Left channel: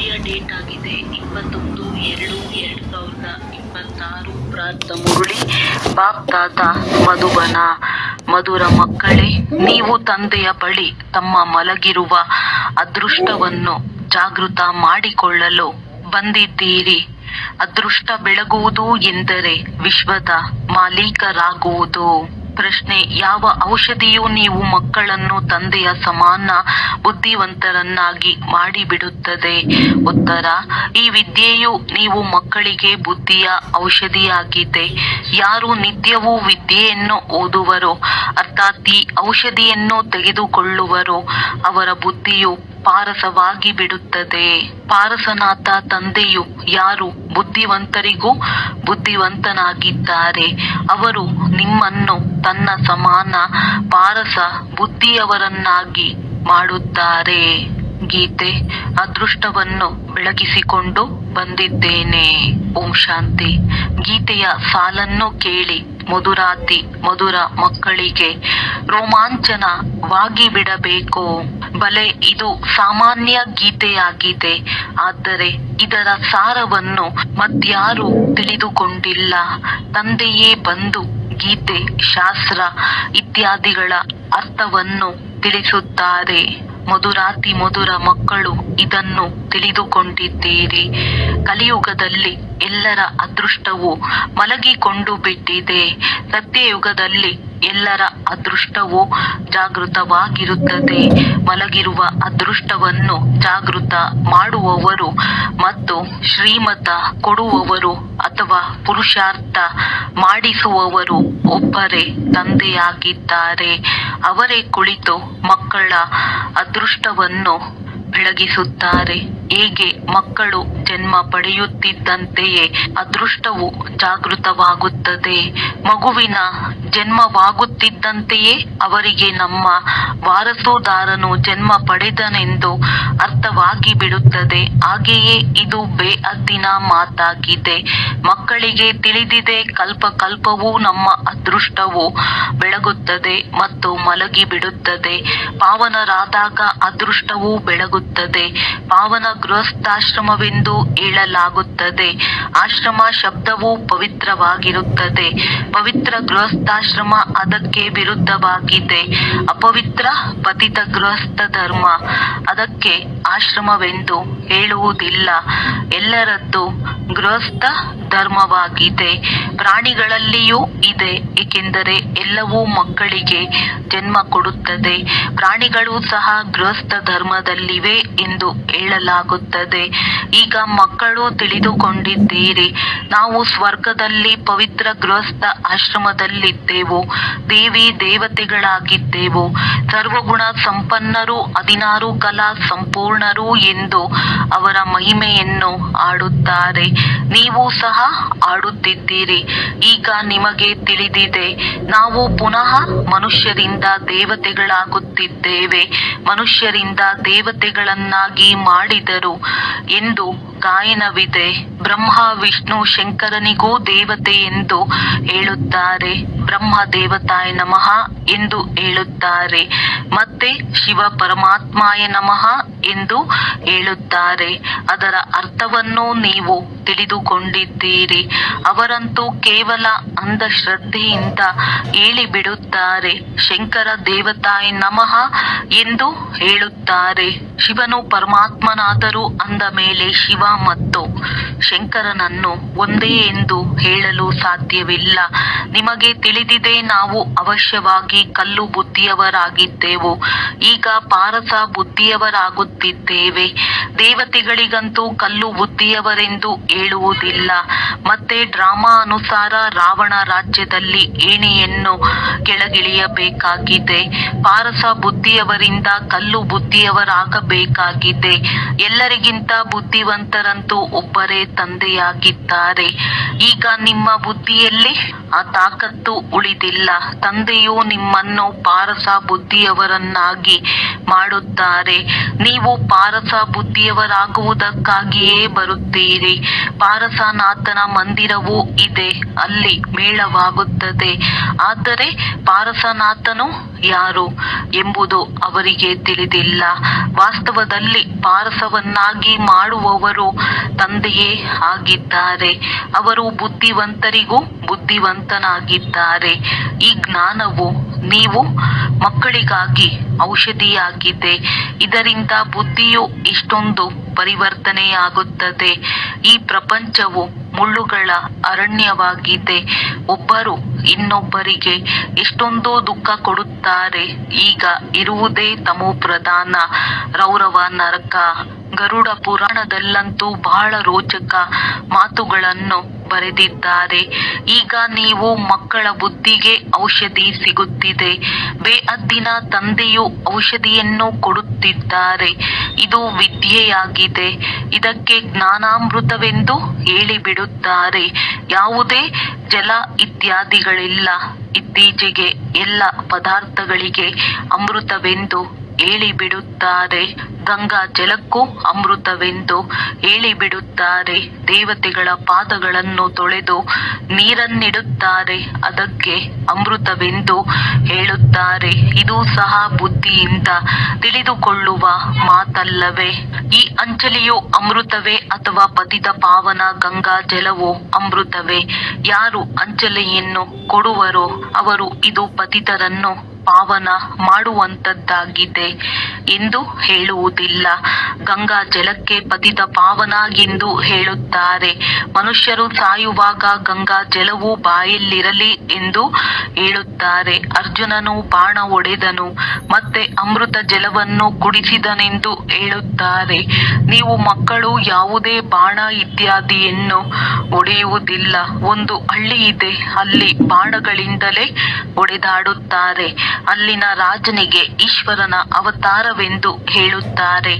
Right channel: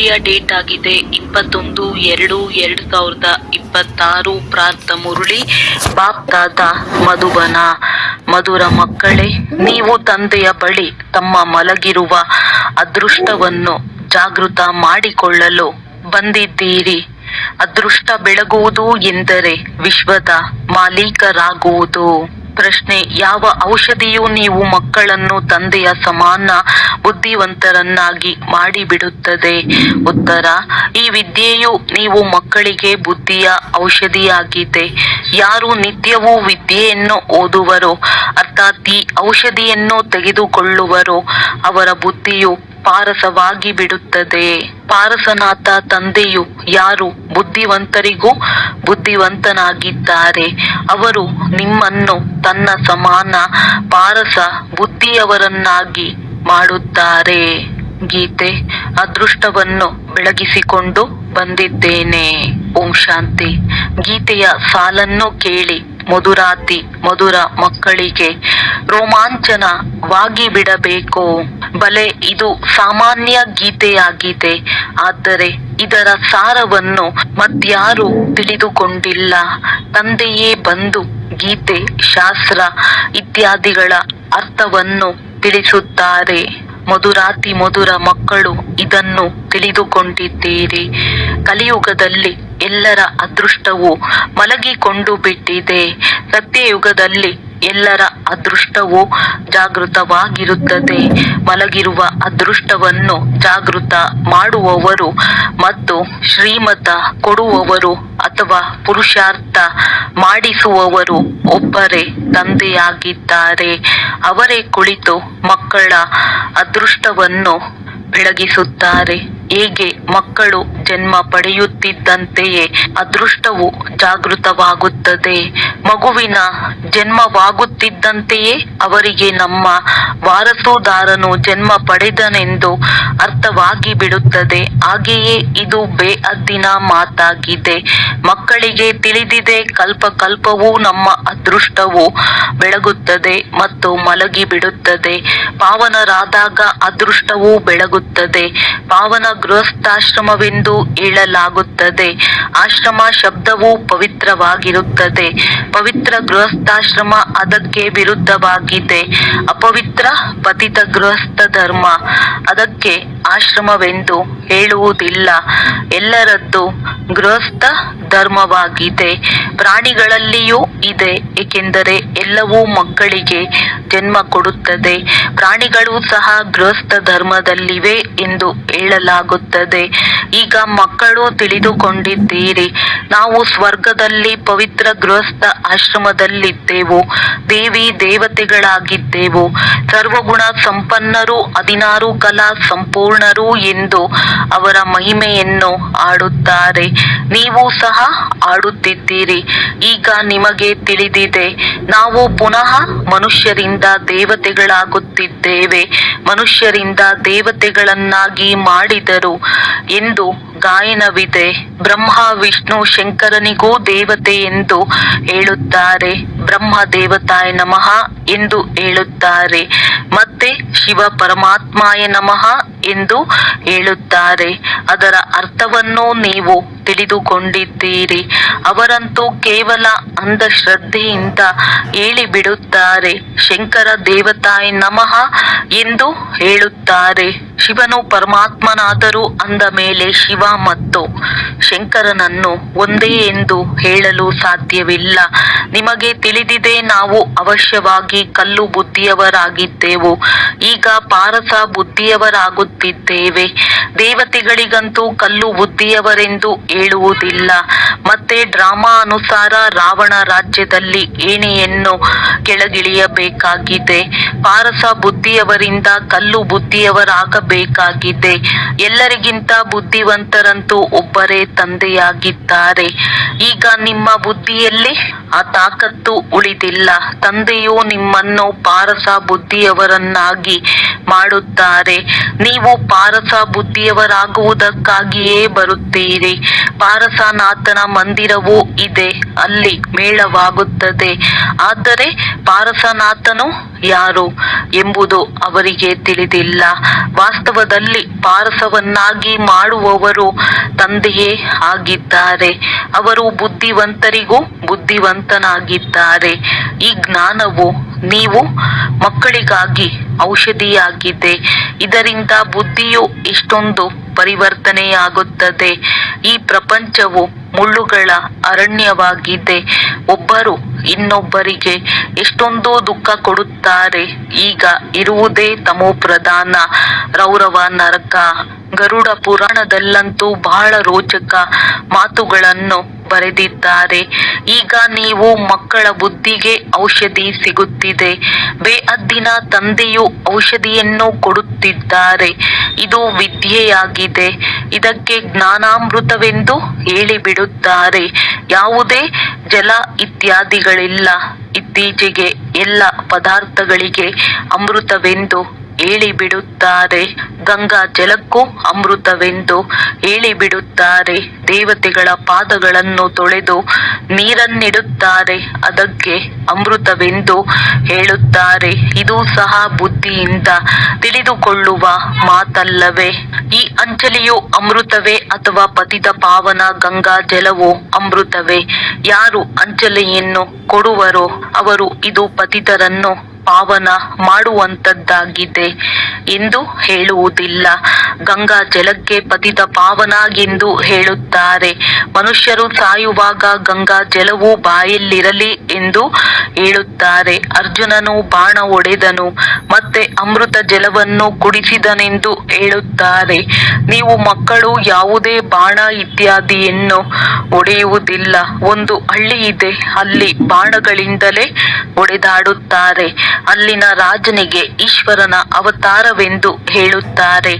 ಮುರುಳಿಯ date ಆಗಿದೆ 21/2/2026. ಪ್ರಾರ್ಥ ಮುರುಳಿ ಬಾಪ್ತಾದ ಮಧುಬನ. ಮಧುರ ಮಕ್ಕಳೇ, ನೀವು ತಂದೆಯ ಬಳಿ ತಮ್ಮ ಮಲಗಿರುವ ಅದೃಷ್ಟವನ್ನು ಜಾಗೃತ ಮಾಡಿಕೊಳ್ಳಲು ಬಂದಿದ್ದೀರಿ. ಅದೃಷ್ಟ ಬೆಳಗುವುದು ಎಂದರೆ ವಿಶ್ವದ ಮಾಲೀಕರಾಗುವುದು. ಪ್ರಶ್ನೆ: ಯಾವ ಔಷಧಿಯು ನೀವು ಮಕ್ಕಳನ್ನು ತಂದೆಯ ಸಮಾನ ಬುದ್ಧಿವಂತರನ್ನಾಗಿ ಮಾಡಿಬಿಡುತ್ತದೆ? ಉತ್ತರ: ಈ ವಿದ್ಯೆಯು ನೀವು ಮಕ್ಕಳಿಗೆ ಬುದ್ಧಿಯ ಔಷಧಿಯಾಗಿದೆ. ಯಾರು ನಿತ್ಯವೂ ವಿದ್ಯೆಯನ್ನು ಓದುವರೋ, ಅರ್ಥಾತ್ ಈ ಔಷಧಿಯನ್ನು ತೆಗೆದುಕೊಳ್ಳುವರೋ, ಅವರ ಬುದ್ಧಿಯು ಪಾರಸವಾಗಿ ಬಿಡುತ್ತದೆ. ಪಾರಸನಾಥ ತಂದೆಯು ಯಾರು ಬುದ್ಧಿವಂತರಿಗೂ ಬುದ್ಧಿವಂತನಾಗಿದ್ದಾರೆ, ಅವರು ನಿಮ್ಮನ್ನು ತನ್ನ ಸಮಾನ ಪಾರಸ ಬುದ್ಧಿಯವರನ್ನಾಗಿ ಮಾಡುತ್ತಾರೆ. ಗೀತೆ: ಅದೃಷ್ಟವನ್ನು ಬೆಳಗಿಸಿಕೊಂಡು ಬಂದಿದ್ದೇನೆ. ಓಂ ಶಾಂತಿ. ಗೀತೆಯ ಸಾಲನ್ನು ಕೇಳಿ ಮಧುರಾತಿ ಮಧುರ ಮಕ್ಕಳಿಗೆ ರೋಮಾಂಚನವಾಗಿ ಬಿಡಬೇಕು. ಬಲೆ, ಇದು ಸಾಮಾನ್ಯ ಗೀತೆಯಾಗಿದೆ, ಆದರೆ ಇದರ ಸಾರವನ್ನು ಮತ್ಯಾರೂ ತಿಳಿದುಕೊಂಡಿಲ್ಲ. ತಂದೆಯೇ ಬಂದು ಗೀತೆ, ಶಾಸ್ತ್ರ ಇತ್ಯಾದಿಗಳ ಅರ್ಥವನ್ನು ತಿಳಿಸುತ್ತಾರೆ. ಮಧುರಾತಿ ಮಧುರ ಮಕ್ಕಳು ಇದನ್ನು ತಿಳಿದುಕೊಂಡಿದ್ದೀರಿ. ಕಲಿಯುಗದಲ್ಲಿ ಎಲ್ಲರ ಅದೃಷ್ಟವು ಮಲಗಿಕೊಂಡು ಬಿಟ್ಟಿದೆ. ಸತ್ಯಯುಗದಲ್ಲಿ ಎಲ್ಲರ ಅದೃಷ್ಟವು ಜಾಗೃತವಾಗಿರುತ್ತದೆ. ಮಲಗಿರುವ ಅದೃಷ್ಟವನ್ನು ಜಾಗೃತ ಮಾಡುವವರು ಮತ್ತು ಶ್ರೀಮತ ಕೊಡುವವರು ಅಥವಾ ಪುರುಷಾರ್ಥ ಮಾಡಿಸುವವರು ಒಬ್ಬರೇ ತಂದೆಯಾಗಿದ್ದಾರೆ. ಅವರೇ ಕುಳಿತು ಮಕ್ಕಳ ಅದೃಷ್ಟವನ್ನು ಬೆಳಗಿಸುತ್ತಾರೆ. ಹೇಗೆ ಮಕ್ಕಳು ಜನ್ಮ ಪಡೆಯುತ್ತಿದ್ದಂತೆಯೇ ಅದೃಷ್ಟವು ಜಾಗೃತವಾಗುತ್ತದೆ. ಮಗುವಿನ ಜನ್ಮವಾಗುತ್ತಿದ್ದಂತೆಯೇ ಅವರಿಗೆ ನಮ್ಮ ವಾರಸುದಾರನು ಜನ್ಮ ಪಡೆದನೆಂದು ಅರ್ಥವಾಗಿ ಬಿಡುತ್ತದೆ. ಹಾಗೆಯೇ ಇದು ಬೇಅದ್ದಿನ ಮಾತಾಗಿದೆ. ಮಕ್ಕಳಿಗೆ ತಿಳಿದಿದೆ, ಕಲ್ಪ ಕಲ್ಪವೂ ನಮ್ಮ ಅದೃಷ್ಟವು ಬೆಳಗುತ್ತದೆ ಮತ್ತು ಮಲಗಿ ಬಿಡುತ್ತದೆ. ಪಾವನರಾದಾಗ ಅದೃಷ್ಟವೂ ಬೆಳಗುತ್ತದೆ. ಪಾವನ ಗೃಹಸ್ಥಾಶ್ರಮವೆಂದು ಹೇಳಲಾಗುತ್ತದೆ. ಆಶ್ರಮ ಶಬ್ದವು ಪವಿತ್ರವಾಗಿರುತ್ತದೆ. ಪವಿತ್ರ ಗೃಹಸ್ಥಾಶ್ರಮ ಅದಕ್ಕೆ ವಿರುದ್ಧವಾಗಿದೆ. ಅಪವಿತ್ರ ಪತಿತ ಗೃಹಸ್ಥ ಧರ್ಮ ಅದಕ್ಕೆ ಆಶ್ರಮವೆಂದು ಹೇಳುವುದಿಲ್ಲ. ಎಲ್ಲರದ್ದು ಗೃಹಸ್ಥ ಧರ್ಮವಾಗಿದೆ. ಪ್ರಾಣಿಗಳಲ್ಲಿಯೂ ಇದೆ, ಏಕೆಂದರೆ ಎಲ್ಲವೂ ಮಕ್ಕಳಿಗೆ ಜನ್ಮ ಕೊಡುತ್ತದೆ. ಪ್ರಾಣಿಗಳು ಸಹ ಗೃಹಸ್ಥ ಧರ್ಮದಲ್ಲಿವೆ ಎಂದು ಹೇಳಲಾಗುತ್ತದೆ. ಈಗ ಮಕ್ಕಳು ತಿಳಿದುಕೊಂಡಿದ್ದೀರಿ, ನಾವು ಸ್ವರ್ಗದಲ್ಲಿ ಪವಿತ್ರ ಗೃಹಸ್ಥ ಆಶ್ರಮದಲ್ಲಿದ್ದೆವು. ದೇವಿ ದೇವತೆಗಳಾಗಿದ್ದೆವು. ಸರ್ವಗುಣ ಸಂಪನ್ನರು, 16 ಕಲಾ ಸಂಪೂರ್ಣರು ಎಂದು ಅವರ ಮಹಿಮೆಯನ್ನು ಹಾಡುತ್ತಾರೆ. ನೀವು ಸಹ ಹಾಡುತ್ತಿದ್ದೀರಿ. ಈಗ ನಿಮಗೆ ತಿಳಿದಿದೆ, ನಾವು ಪುನಃ ಮನುಷ್ಯರಿಂದ ದೇವತೆಗಳಾಗುತ್ತಿದ್ದೇವೆ. ಮನುಷ್ಯರಿಂದ ದೇವತೆಗಳನ್ನಾಗಿ ಮಾಡಿದರು ಎಂದು ಗಾಯನವಿದೆ. ಬ್ರಹ್ಮ ವಿಷ್ಣು ಶಂಕರನಿಗೂ ದೇವತೆ ಎಂದು ಹೇಳುತ್ತಾರೆ. ಬ್ರಹ್ಮ ದೇವತಾಯ ನಮಃ ಎಂದು ಹೇಳುತ್ತಾರೆ. ಮತ್ತೆ ಶಿವ ಪರಮಾತ್ಮಾಯ ನಮಃ ಎಂದು ಹೇಳುತ್ತಾರೆ. ಅದರ ಅರ್ಥವನ್ನು ನೀವು ತಿಳಿದುಕೊಂಡಿದ್ದೀರಿ. ಅವರಂತೂ ಕೇವಲ ಅಂಧಶ್ರದ್ಧೆಯಿಂದ ಹೇಳಿಬಿಡುತ್ತಾರೆ. ಶಂಕರ ದೇವತಾಯ ನಮಃ ಎಂದು ಹೇಳುತ್ತಾರೆ. ಶಿವನು ಪರಮಾತ್ಮನಾದರೂ ಅಂದ ಮೇಲೆ ಶಿವ ಮತ್ತು ಶಂಕರನನ್ನು ಒಂದೇ ಎಂದು ಹೇಳಲು ಸಾಧ್ಯವಿಲ್ಲ. ನಿಮಗೆ ತಿಳಿದಿದೆ, ನಾವು ಅವಶ್ಯವಾಗಿ ಕಲ್ಲು ಬುದ್ಧಿಯವರಾಗಿದ್ದೆವು. ಈಗ ಪಾರಸ ಬುದ್ಧಿಯವರಾಗುತ್ತಿದ್ದೇವೆ. ದೇವತೆಗಳಿಗಂತೂ ಕಲ್ಲು ಬುದ್ಧಿಯವರೆಂದು ಹೇಳುವುದಿಲ್ಲ. ಮತ್ತೆ ಡ್ರಾಮಾ ಅನುಸಾರ ರಾವಣ ರಾಜ್ಯದಲ್ಲಿ ಏಣಿಯನ್ನು ಕೆಳಗಿಳಿಯಬೇಕಾಗಿದೆ. ಪಾರಸ ಬುದ್ಧಿಯವರಿಂದ ಕಲ್ಲು ಬುದ್ಧಿಯವರಾಗಬೇಕಾಗಿದೆ. ಎಲ್ಲರಿಗಿಂತ ಬುದ್ಧಿವಂತರಂತೂ ಒಬ್ಬರೇ ತಂದೆಯಾಗಿದ್ದಾರೆ. ಈಗ ನಿಮ್ಮ ಬುದ್ಧಿಯಲ್ಲಿ ಆ ತಾಕತ್ತು ಉಳಿದಿಲ್ಲ. ತಂದೆಯು ನಿಮ್ಮನ್ನು ಪಾರಸ ಬುದ್ಧಿಯವರನ್ನಾಗಿ ಮಾಡುತ್ತಾರೆ. ನೀವು ನೀವು ಪಾರಸ ಬುದ್ಧಿಯವರಾಗುವುದಕ್ಕಾಗಿಯೇ ಬರುತ್ತೀರಿ. ಪಾರಸನಾಥನ ಮಂದಿರವೂ ಇದೆ, ಅಲ್ಲಿ ಮೇಳವಾಗುತ್ತದೆ. ಆದರೆ ಪಾರಸನಾಥನು ಯಾರು ಎಂಬುದು ಅವರಿಗೆ ತಿಳಿದಿಲ್ಲ. ವಾಸ್ತವದಲ್ಲಿ ಪಾರಸವನ್ನಾಗಿ ಮಾಡುವವರು ತಂದೆಯೇ ಆಗಿದ್ದಾರೆ. ಅವರು ಬುದ್ಧಿವಂತರಿಗೂ ಬುದ್ಧಿವಂತನಾಗಿದ್ದಾರೆ. ಈ ಜ್ಞಾನವು ನೀವು ಮಕ್ಕಳಿಗಾಗಿ ಔಷಧಿಯಾಗಿದೆ. ಇದರಿಂದ ಬುದ್ಧಿಯು ಎಷ್ಟೊಂದು ಪರಿವರ್ತನೆಯಾಗುತ್ತದೆ. ಈ ಪ್ರಪಂಚವು ಮುಳ್ಳುಗಳ ಅರಣ್ಯವಾಗಿದೆ. ಒಬ್ಬರು ಇನ್ನೊಬ್ಬರಿಗೆ ಎಷ್ಟೊಂದು ದುಃಖ ಕೊಡುತ್ತಾರೆ. ಈಗ ಇರುವುದೇ ತಮೋ ಪ್ರಧಾನ. ರೌರವ ನರಕ. ಗರುಡ ಪುರಾಣದಲ್ಲಂತೂ ಬಹಳ ರೋಚಕ ಮಾತುಗಳನ್ನು ಬರೆದಿದ್ದಾರೆ. ಈಗ ನೀವು ಮಕ್ಕಳ ಬುದ್ಧಿಗೆ ಔಷಧಿ ಸಿಗುತ್ತಿದೆ. ಬೇಅದ್ದಿನ ತಂದೆಯು ಔಷಧಿಯನ್ನು ಕೊಡುತ್ತಿದ್ದಾರೆ. ಇದು ವಿದ್ಯೆಯಾಗಿದೆ. ಇದಕ್ಕೆ ಜ್ಞಾನಾಮೃತವೆಂದು ಹೇಳಿಬಿಡುತ್ತಾರೆ. ಯಾವುದೇ ಜಲ ಇತ್ಯಾದಿಗಳಿಲ್ಲ. ಇತ್ತೀಚೆಗೆ ಎಲ್ಲ ಪದಾರ್ಥಗಳಿಗೆ ಅಮೃತವೆಂದು ಹೇಳಿಬಿಡುತ್ತಾರೆ. ಗಂಗಾ ಜಲಕ್ಕೂ ಅಮೃತವೆಂದು ಹೇಳಿಬಿಡುತ್ತಾರೆ. ದೇವತೆಗಳ ಪಾದಗಳನ್ನು ತೊಳೆದು ನೀರನ್ನಿಡುತ್ತಾರೆ, ಅದಕ್ಕೆ ಅಮೃತವೆಂದು ಹೇಳುತ್ತಾರೆ. ಇದು ಸಹ ಬುದ್ಧಿಯಿಂದ ತಿಳಿದುಕೊಳ್ಳುವ ಮಾತಲ್ಲವೇ? ಈ ಅಂಚಲಿಯು ಅಮೃತವೇ ಅಥವಾ ಪತಿತ ಪಾವನ ಗಂಗಾ ಜಲವು ಅಮೃತವೇ? ಯಾರು ಅಂಚಲಿಯನ್ನು ಕೊಡುವರೋ ಅವರು ಇದು ಪತಿತರನ್ನು ಪಾವನ ಮಾಡುವಂತದ್ದಾಗಿದೆ ಎಂದು ಹೇಳುವುದಿಲ್ಲ. ಗಂಗಾ ಜಲಕ್ಕೆ ಪತಿತ ಪಾವನ ಎಂದು ಹೇಳುತ್ತಾರೆ. ಮನುಷ್ಯರು ಸಾಯುವಾಗ ಗಂಗಾ ಜಲವು ಬಾಯಲ್ಲಿರಲಿ ಎಂದು ಹೇಳುತ್ತಾರೆ. ಅರ್ಜುನನು ಬಾಣ ಹೊಡೆದನು ಮತ್ತೆ ಅಮೃತ ಜಲವನ್ನು ಕುಡಿಸಿದನೆಂದು ಹೇಳುತ್ತಾರೆ. ನೀವು ಮಕ್ಕಳು ಯಾವುದೇ ಬಾಣ ಇತ್ಯಾದಿಯನ್ನು ಹೊಡೆಯುವುದಿಲ್ಲ. ಒಂದು ಹಳ್ಳಿ ಇದೆ, ಅಲ್ಲಿ ಬಾಣಗಳಿಂದಲೇ ಹೊಡೆದಾಡುತ್ತಾರೆ. ಅಲ್ಲಿನ ರಾಜನಿಗೆ ಈಶ್ವರನ ಅವತಾರವೆಂದು ಹೇಳುತ್ತಾರೆ.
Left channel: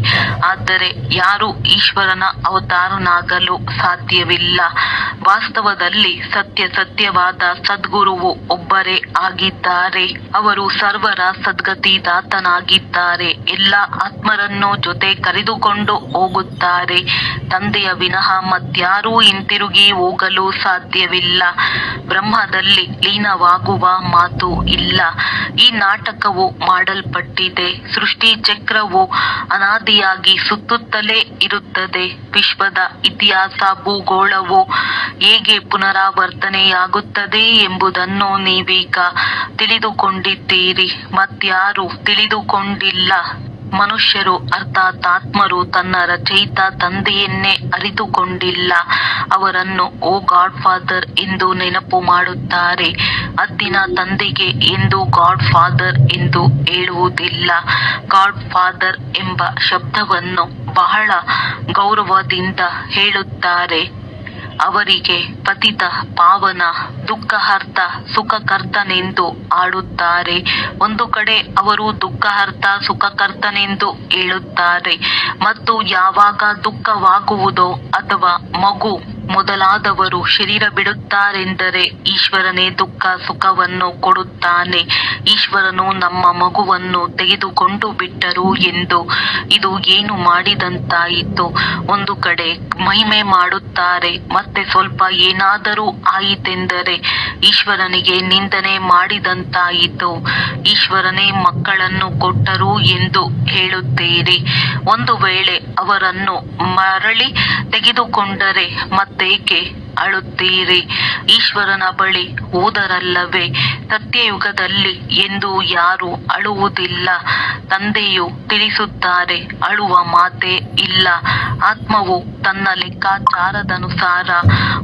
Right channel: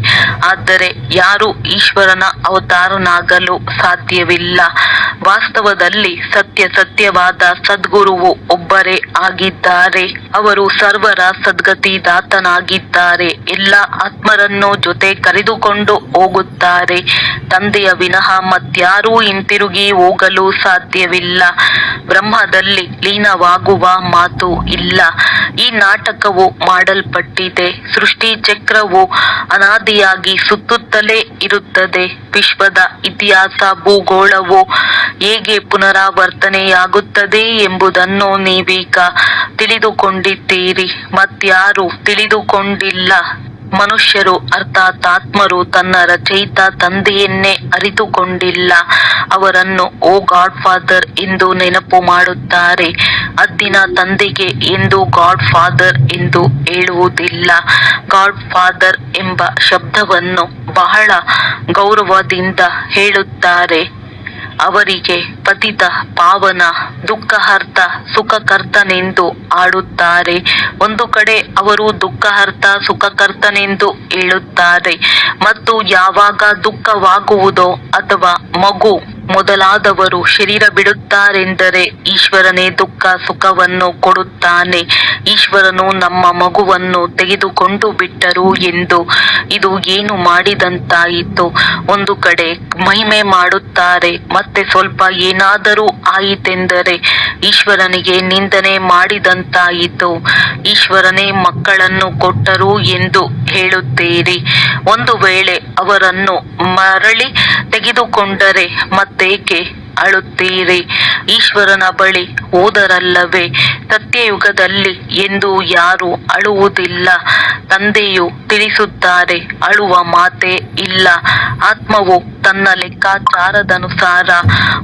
ಆದರೆ ಯಾರು ಈಶ್ವರನ ಅವತಾರನಾಗಲು ಸಾಧ್ಯವಿಲ್ಲ. ವಾಸ್ತವದಲ್ಲಿ ಸತ್ಯವಾದ ಸದ್ಗುರುವು ಒಬ್ಬರೇ ಆಗಿದ್ದಾರೆ. ಅವರು ಸರ್ವರ ಸದ್ಗತಿದಾತನಾಗಿದ್ದಾರೆ. ಎಲ್ಲ ಆತ್ಮರನ್ನು ಜೊತೆ ಕರೆದುಕೊಂಡು ಹೋಗುತ್ತಾರೆ. ತಂದೆಯ ವಿನಃ ಮತ್ಯಾರೂ ಹಿಂತಿರುಗಿ ಹೋಗಲು ಸಾಧ್ಯವಿಲ್ಲ. ಬ್ರಹ್ಮದಲ್ಲಿ ಲೀನವಾಗುವ ಮಾತು ಇಲ್ಲ. ಈ ನಾಟಕವು ಮಾಡಲ್ಪಟ್ಟಿದೆ. ಸೃಷ್ಟಿ ಚಕ್ರವು ಅನಾದಿಯಾಗಿ ಸುತ್ತುತ್ತಲೇ ಇರುತ್ತದೆ. ವಿಶ್ವದ ಇತಿಹಾಸ ಭೂಗೋಳವು ಹೇಗೆ ಪುನರಾವರ್ತನೆಯಾಗುತ್ತದೆ ಎಂಬುದನ್ನು ನೀವೀಗ ತಿಳಿದುಕೊಂಡಿದ್ದೀರಿ. ಮತ್ಯಾರೂ ತಿಳಿದುಕೊಂಡಿಲ್ಲ. ಮನುಷ್ಯರು ಅರ್ಥಾತ್ ಆತ್ಮರು ತನ್ನ ರಚಯಿತ ತಂದೆಯನ್ನೇ ಅರಿತುಕೊಂಡಿಲ್ಲ. ಅವರನ್ನು ಓ ಗಾಡ್ ಫಾದರ್ ಎಂದು ನೆನಪು ಮಾಡುತ್ತಾರೆ. ಅದ್ದಿನ ತಂದೆಗೆ ಎಂದು ಗಾಡ್ ಫಾದರ್ ಎಂದು ಹೇಳುವುದಿಲ್ಲ. ಗಾಡ್ ಫಾದರ್ ಎಂಬ ಶಬ್ದವನ್ನು ಬಹಳ ಗೌರವದಿಂದ ಹೇಳುತ್ತಾರೆ. ಅವರಿಗೆ ಪತಿತ ಪಾವನ ದುಃಖಹರ್ತ ಸುಖಕರ್ತನೆಂದು ಆಡುತ್ತಾರೆ. ಒಂದು ಕಡೆ ಅವರು ದುಃಖಹರ್ತ ಸುಖಕರ್ತನೆಂದು ಹೇಳುತ್ತಾರೆ. ಮತ್ತು ಯಾವಾಗ ದುಃಖವಾಗುವುದೋ ಅಥವಾ ಮಗು ಮೊದಲಾದವರು ಶರೀರ ಬಿಡುತ್ತಾರೆಂದರೆ ಈಶ್ವರನೇ ದುಃಖ ಸುಖವನ್ನು ಕೊಡುತ್ತಾನೆ. ಈಶ್ವರನು ನಮ್ಮ ಮಗುವನ್ನು ತೆಗೆದುಕೊಂಡು ಬಿಟ್ಟರು ಎಂದು ಇದು ಏನು ಮಾಡಿದಂತಾಯಿತು? ಒಂದು ಕಡೆ ಮಹಿಮೆ ಮಾಡುತ್ತಾರೆ, ಮತ್ತೆ ಸ್ವಲ್ಪ ಏನಾದರೂ ಆಯಿತೆಂದರೆ ಈಶ್ವರನಿಗೆ ನಿಂದನೆ ಮಾಡಿದಂತಾಯಿತು. ಈಶ್ವರನೇ ಮಕ್ಕಳನ್ನು ಕೊಟ್ಟರು ಎಂದು ಹೇಳುತ್ತೀರಿ. ಒಂದು ವೇಳೆ ಅವರನ್ನು ಮರಳಿ ತೆಗೆದುಕೊಂಡರೆ ಮತ್ತೇಕೆ ಅಳುತ್ತೀರಿ? ಈಶ್ವರನ ಬಳಿ ಹೋದರಲ್ಲವೇ? ಸತ್ಯಯುಗದಲ್ಲಿ ಎಂದು ಯಾರೂ ಅಳುವುದಿಲ್ಲ. ತಂದೆಯು ತಿಳಿಸುತ್ತಾರೆ, ಅಳುವ ಮಾತೇ ಇಲ್ಲ. ಆತ್ಮವು ತನ್ನ ಲೆಕ್ಕಾಚಾರದನುಸಾರ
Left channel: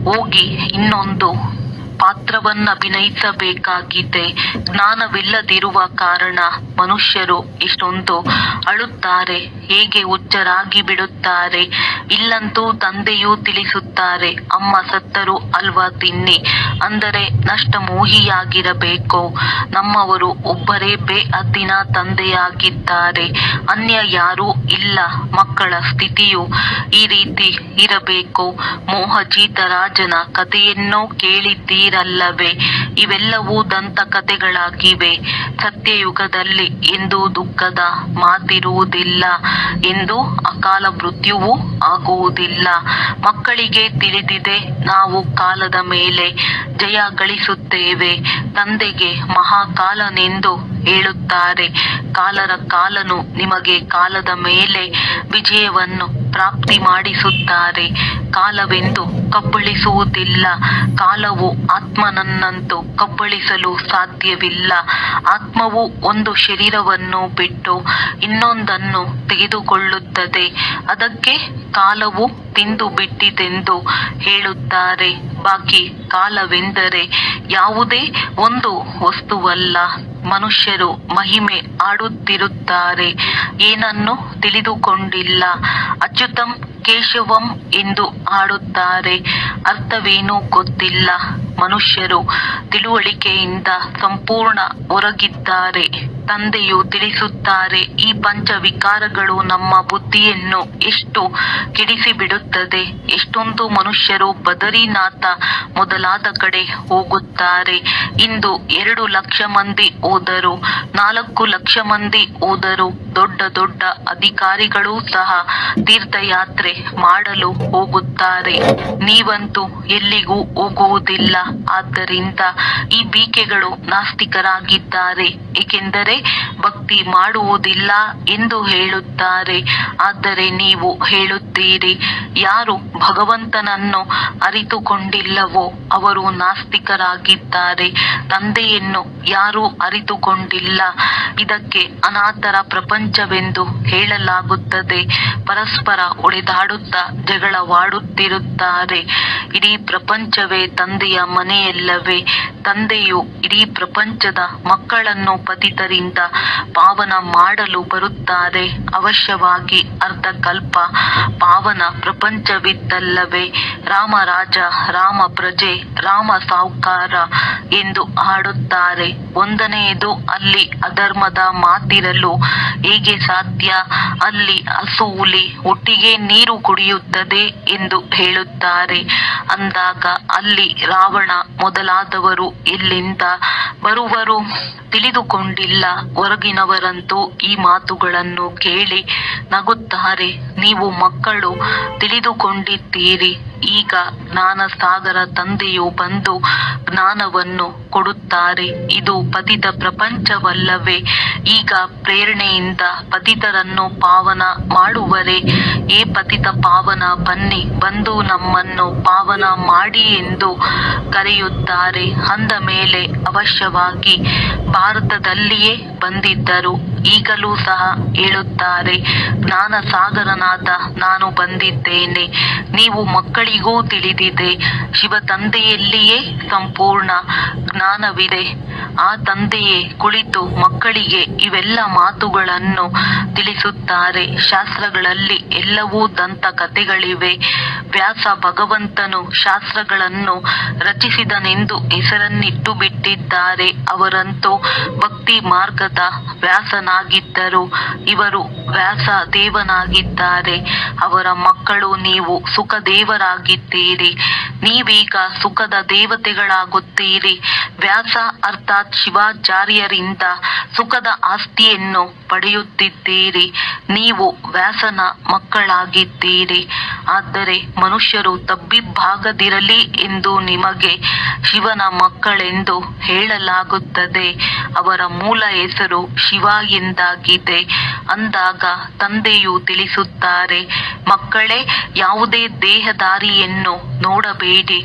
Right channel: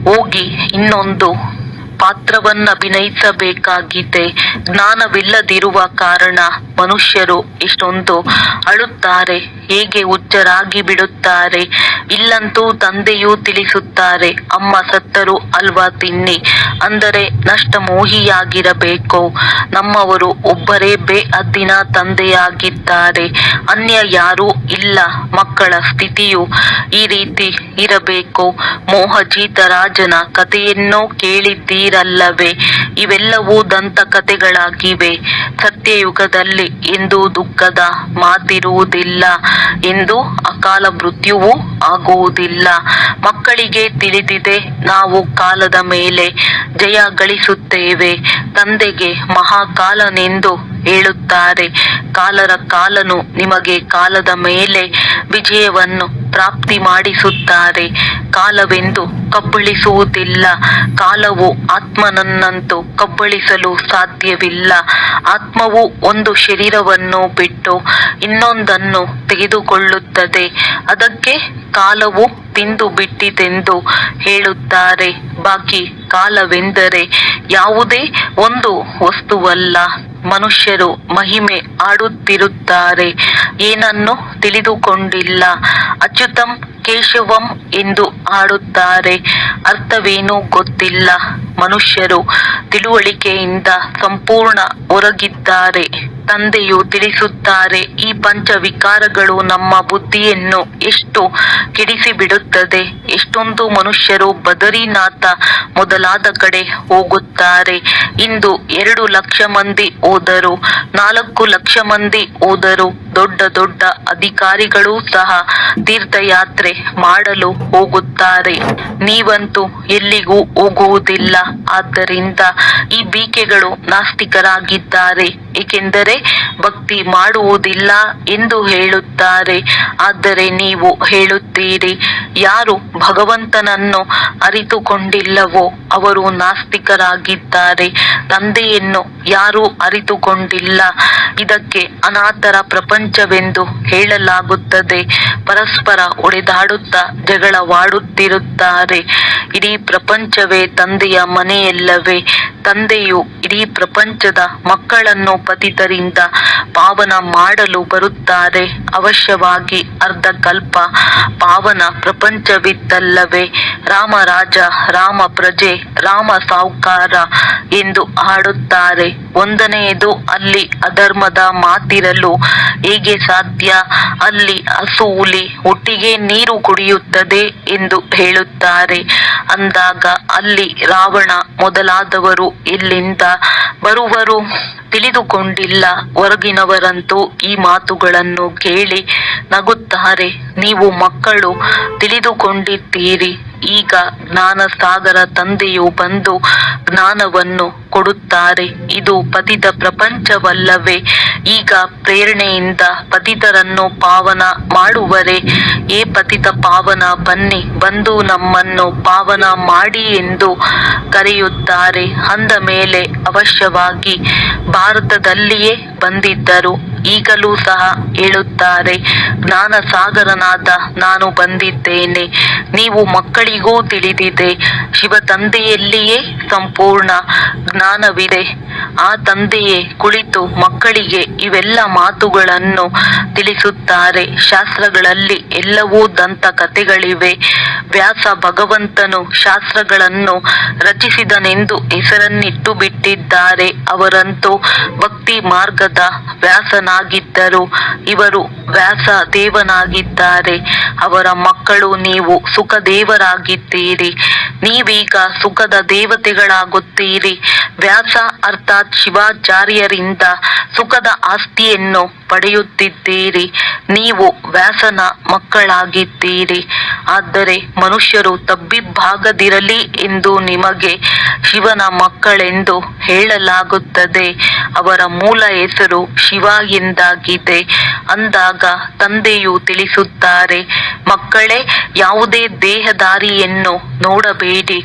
ಹೋಗಿ ಇನ್ನೊಂದು ಪಾತ್ರವನ್ನಭಿನಯಿಸಬೇಕಾಗಿದೆ. ಜ್ಞಾನವಿಲ್ಲದಿರುವ ಕಾರಣ ಮನುಷ್ಯರು ಎಷ್ಟೊಂದು ಅಳುತ್ತಾರೆ, ಹೇಗೆ ಹುಚ್ಚರಾಗಿ ಬಿಡುತ್ತಾರೆ. ಇಲ್ಲಂತೂ ತಂದೆಯು ತಿಳಿಸುತ್ತಾರೆ, ಅಮ್ಮ ಸತ್ತರು ಅಲ್ವಾ ತಿನ್ನಿ, ಅಂದರೆ ನಷ್ಟಮೋಹಿಯಾಗಿರಬೇಕು. ನಮ್ಮವರು ಒಬ್ಬರೇ ಬೇಅದ್ದಿನ ತಂದೆಯಾಗಿದ್ದಾರೆ, ಅನ್ಯ ಯಾರೂ ಇಲ್ಲ. ಮಕ್ಕಳ ಸ್ಥಿತಿಯು ಈ ರೀತಿ ಇರಬೇಕು. ಮೋಹಜೀತ ರಾಜನ ಕಥೆಯನ್ನು ಕೇಳಿದ್ದೀರ ಇರಲ್ಲವೇ? ಇವೆಲ್ಲವೂ ದಂತಕಥೆಗಳಾಗಿವೆ. ಸತ್ಯಯುಗದಲ್ಲಿ ಎಂದೂ ದುಃಖದ ಮಾತಿರುವುದಿಲ್ಲ, ಎಂದು ಅಕಾಲ ಮೃತ್ಯುವು ಆಗುವುದಿಲ್ಲ. ಮಕ್ಕಳಿಗೆ ತಿಳಿದಿದೆ, ನಾವು ಕಾಲದ ಮೇಲೆ ಜಯ ಗಳಿಸುತ್ತೇವೆ. ತಂದೆಗೆ ಮಹಾಕಾಲನೆಂದು ಹೇಳುತ್ತಾರೆ. ಕಾಲನು ನಿಮಗೆ ಕಾಲದ ಮೇಲೆ ವಿಜಯವನ್ನು ಪ್ರಾಪ್ತಿ ಮಾಡಿಸುತ್ತಾರೆ. ಕಾಲವೆಂದು ಕಬ್ಬಳಿಸುವುದಿಲ್ಲ. ಕಾಲವು ಆತ್ಮನನ್ನಂತೂ ಕಬ್ಬಳಿಸಲು ಸಾಧ್ಯವಿಲ್ಲ. ಆತ್ಮವು ಒಂದು ಶರೀರವನ್ನು ಬಿಟ್ಟು ಇನ್ನೊಂದನ್ನು ತೆಗೆದುಕೊಳ್ಳುತ್ತದೆ. ಅದಕ್ಕೆ ಕಾಲವು ತಿಂದು ಬಿಟ್ಟಿತೆಂದು ಹೇಳುತ್ತಾರೆ. ಬಾಕಿ ಕಾಲವೆಂದರೆ ಯಾವುದೇ ಒಂದು ವಸ್ತುವಲ್ಲ. ಮನುಷ್ಯರು ಮಹಿಮೆ ಆಡುತ್ತಿರುತ್ತಾರೆ, ಏನನ್ನು ತಿಳಿದುಕೊಂಡಿಲ್ಲ. ಅಚ್ಯುತಂ ಕೇಶವಂ ಎಂದು ಆಡುತ್ತಾರೆ, ಅರ್ಥವೇನೂ ಗೊತ್ತಿಲ್ಲ. ಮನುಷ್ಯರು ತಿಳುವಳಿಕೆಯಿಂದ ಸಂಪೂರ್ಣ ಹೊರಗಿದ್ದಾರೆ. ತಂದೆಯು ತಿಳಿಸುತ್ತಾರೆ, ಈ ಪಂಚವಿಕಾರಗಳು ನಮ್ಮ ಬುದ್ಧಿಯನ್ನು ಎಷ್ಟು ಕೆಡಿಸಿಬಿಡುತ್ತದೆ. ಎಷ್ಟೊಂದು ಮನುಷ್ಯರು ಬದರಿನಾಥ ಮೊದಲಾದ ಕಡೆ ಹೋಗುತ್ತಾರೆ. ಇಂದು 2 ಲಕ್ಷ ಮಂದಿ ಹೋದರು, 4 ಲಕ್ಷ ಮಂದಿ ಹೋದರು. ದೊಡ್ಡ ದೊಡ್ಡ ಅಧಿಕಾರಿಗಳೂ ಸಹ ತೀರ್ಥಯಾತ್ರೆ ಮಾಡಲು ಹೋಗುತ್ತಾರೆ. ನೀವಂತೂ ಎಲ್ಲಿಗೂ ಹೋಗುವುದಿಲ್ಲ. ಆದ್ದರಿಂದ ಈ ಬೀಕೆಗಳು ನಾಸ್ತಿಕರಾಗಿದ್ದಾರೆ, ಏಕೆಂದರೆ ಭಕ್ತಿ ಮಾಡುವುದಿಲ್ಲ ಎಂದು ಹೇಳುತ್ತಾರೆ. ಆದರೆ ನೀವು ಹೇಳುತ್ತೀರಿ, ಯಾರು ಭಗವಂತನನ್ನು ಅರಿತುಕೊಂಡಿಲ್ಲವೋ ಅವರು ನಾಸ್ತಿಕರಾಗಿದ್ದಾರೆ. ತಂದೆಯನ್ನು ಯಾರೂ ಅರಿತುಕೊಂಡಿಲ್ಲ. ಇದಕ್ಕೆ ಅನಾಥರ ಪ್ರಪಂಚವೆಂದು ಹೇಳಲಾಗುತ್ತದೆ. ಪರಸ್ಪರ ಹೊಡೆದಾಡುತ್ತಾ ಜಗಳವಾಡುತ್ತಿರುತ್ತಾರೆ. ಇಡೀ ಪ್ರಪಂಚವೇ ತಂದೆಯ ಮನೆಯಲ್ಲವೇ? ತಂದೆಯು ಇಡೀ ಪ್ರಪಂಚದ ಮಕ್ಕಳನ್ನು ಪತಿತರಿಂದ ಪಾವನ ಮಾಡಲು ಬರುತ್ತಾರೆ. ಅವಶ್ಯವಾಗಿ ಅರ್ಧಕಲ್ಪ ಪಾವನ ಪ್ರಪಂಚವಿದ್ದಲ್ಲವೇ? ರಾಮ ರಾಜ, ರಾಮ ಪ್ರಜೆ, ರಾಮ ಸಾಹುಕಾರ ಎಂದು ಹಾಡುತ್ತಾರೆ. ಒಂದನೆಯದು, ಅಲ್ಲಿ ಅಧರ್ಮದ ಮಾತಿರಲು ಹೇಗೆ ಸಾಧ್ಯ? ಅಲ್ಲಿ ಹಸು ಹುಲಿ ಒಟ್ಟಿಗೆ ನೀರು ಕುಡಿಯುತ್ತದೆ ಎಂದು ಹೇಳುತ್ತಾರೆ. ಅಂದಾಗ ಅಲ್ಲಿ ರಾವಣ ಮೊದಲಾದವರು ಎಲ್ಲಿಂದ ಬರುವರು? ತಿಳಿದುಕೊಂಡಿಲ್ಲ. ಹೊರಗಿನವರಂತೂ ಈ ಮಾತುಗಳನ್ನು ಕೇಳಿ ನಗುತ್ತಾರೆ. ನೀವು ಮಕ್ಕಳು ತಿಳಿದುಕೊಂಡಿದ್ದೀರಿ. ಈಗ ಜ್ಞಾನಸಾಗರ ತಂದೆಯು ಬಂದು ಜ್ಞಾನವನ್ನು ಕೊಡುತ್ತಾರೆ. ಇದು ಪತಿತ ಪ್ರಪಂಚವಲ್ಲವೇ? ಈಗ ಪ್ರೇರಣೆಯಿಂದ ಪತಿತರನ್ನು ಪಾವನ ಮಾಡುವರೆ. ಏ ಪತಿತ ಪಾವನ, ಬನ್ನಿ, ಬಂದು ನಮ್ಮನ್ನು ಪಾವನ ಮಾಡಿ ಎಂದು ಕರೆಯುತ್ತಾರೆ. ಅಂದ ಮೇಲೆ ಅವಶ್ಯವಾಗಿ ಭಾರತದಲ್ಲಿಯೇ ಬಂದಿದ್ದರು. ಈಗಲೂ ಸಹ ಹೇಳುತ್ತಾರೆ, ಜ್ಞಾನಸಾಗರನಾದ ನಾನು ಬಂದಿದ್ದೇನೆ. ನೀವು ಮಕ್ಕಳಿಗೂ ತಿಳಿದಿದೆ, ಶಿವ ತಂದೆಯಲ್ಲಿಯೇ ಸಂಪೂರ್ಣ ಜ್ಞಾನವಿದೆ. ಆ ತಂದೆಯೇ ಕುಳಿತು ಮಕ್ಕಳಿಗೆ ಇವೆಲ್ಲ ಮಾತುಗಳನ್ನು ತಿಳಿಸುತ್ತಾರೆ. ಶಾಸ್ತ್ರಗಳಲ್ಲಿ ಎಲ್ಲವೂ ದಂತಕಥೆಗಳಿವೆ. ವ್ಯಾಸ ಭಗವಂತನು ಶಾಸ್ತ್ರಗಳನ್ನು ರಚಿಸಿದನೆಂದು ಹೆಸರನ್ನಿಟ್ಟು ಬಿಟ್ಟಿದ್ದಾರೆ. ಅವರಂತೂ ಭಕ್ತಿ ಮಾರ್ಗದ ವ್ಯಾಸನಾಗಿದ್ದರು. ಇವರು ವ್ಯಾಸ ದೇವನಾಗಿದ್ದಾರೆ. ಅವರ ಮಕ್ಕಳು ನೀವು ಸುಖದೇವರಾಗಿದ್ದೀರಿ. ನೀವೀಗ ಸುಖದ ದೇವತೆಗಳಾಗುತ್ತೀರಿ. ವ್ಯಾಸ ಅರ್ಥಾತ್ ಶಿವಾಚಾರ್ಯರಿಂದ ಸುಖದ ಆಸ್ತಿಯನ್ನು ಪಡೆಯುತ್ತಿದ್ದೀರಿ. ನೀವು ವ್ಯಾಸನ ಮಕ್ಕಳಾಗಿದ್ದೀರಿ. ಆದರೆ ಮನುಷ್ಯರು ತಬ್ಬಿಬ್ಬಾಗದಿರಲಿ ಎಂದು ನಿಮಗೆ ಶಿವನ ಮಕ್ಕಳೆಂದು ಹೇಳಲಾಗುತ್ತದೆ. ಅವರ ಮೂಲ ಹೆಸರು ಶಿವ ಎಂದಾಗಿದೆ. ಅಂದಾಗ ತಂದೆಯು ತಿಳಿಸುತ್ತಾರೆ, ಮಕ್ಕಳೇ, ಯಾವುದೇ ದೇಹದಾರಿಯನ್ನು ನೋಡಬೇಡಿ.